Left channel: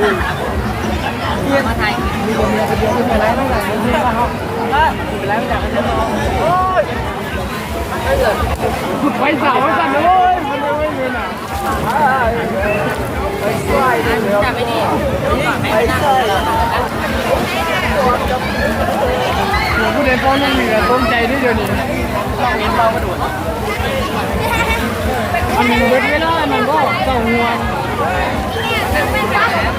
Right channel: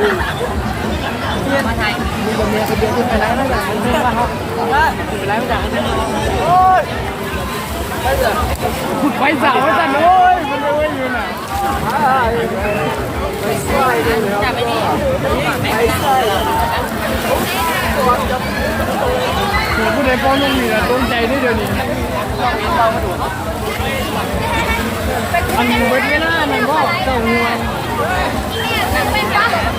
เที่ยงมาไทยมีเงินจะเดินขึ้นไปไล่ไล่หลังนั่นเพื่อนป่ะเหรอไปไลยไล่หลังนั่นเหรอไปสาวกันเลยโอ้ยโอ้ยอยู่ไหนจับไปดิจับไม่ได้ผู้ใดฟ้องนุ่งนี่นะต้นใจได้เดี๋ยวนี้อันเวนี้เวทไม่ได้นั่นก็เจ้าห่ว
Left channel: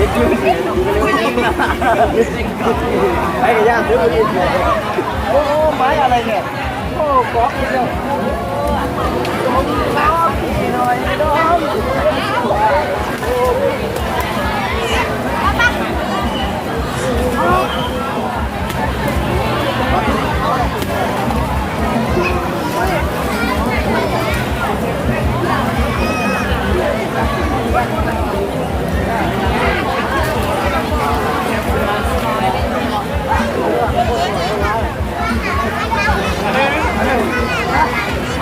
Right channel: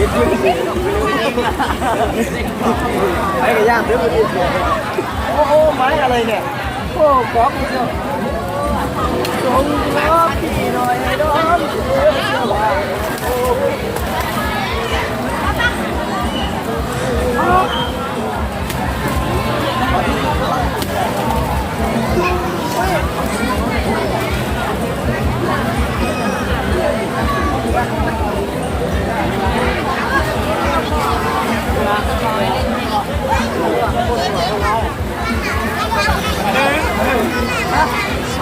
cái gì? Ô ô máy à này nè. Ô có cái gì?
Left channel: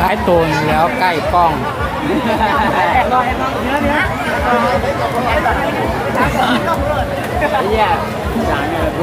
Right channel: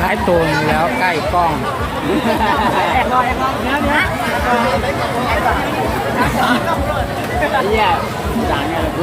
หายตัวนี้แล้วใกล้กล้องแอบลอยแอบลองเนื้อเนื้อแอบลองเนี่ยจางไงล่ะกู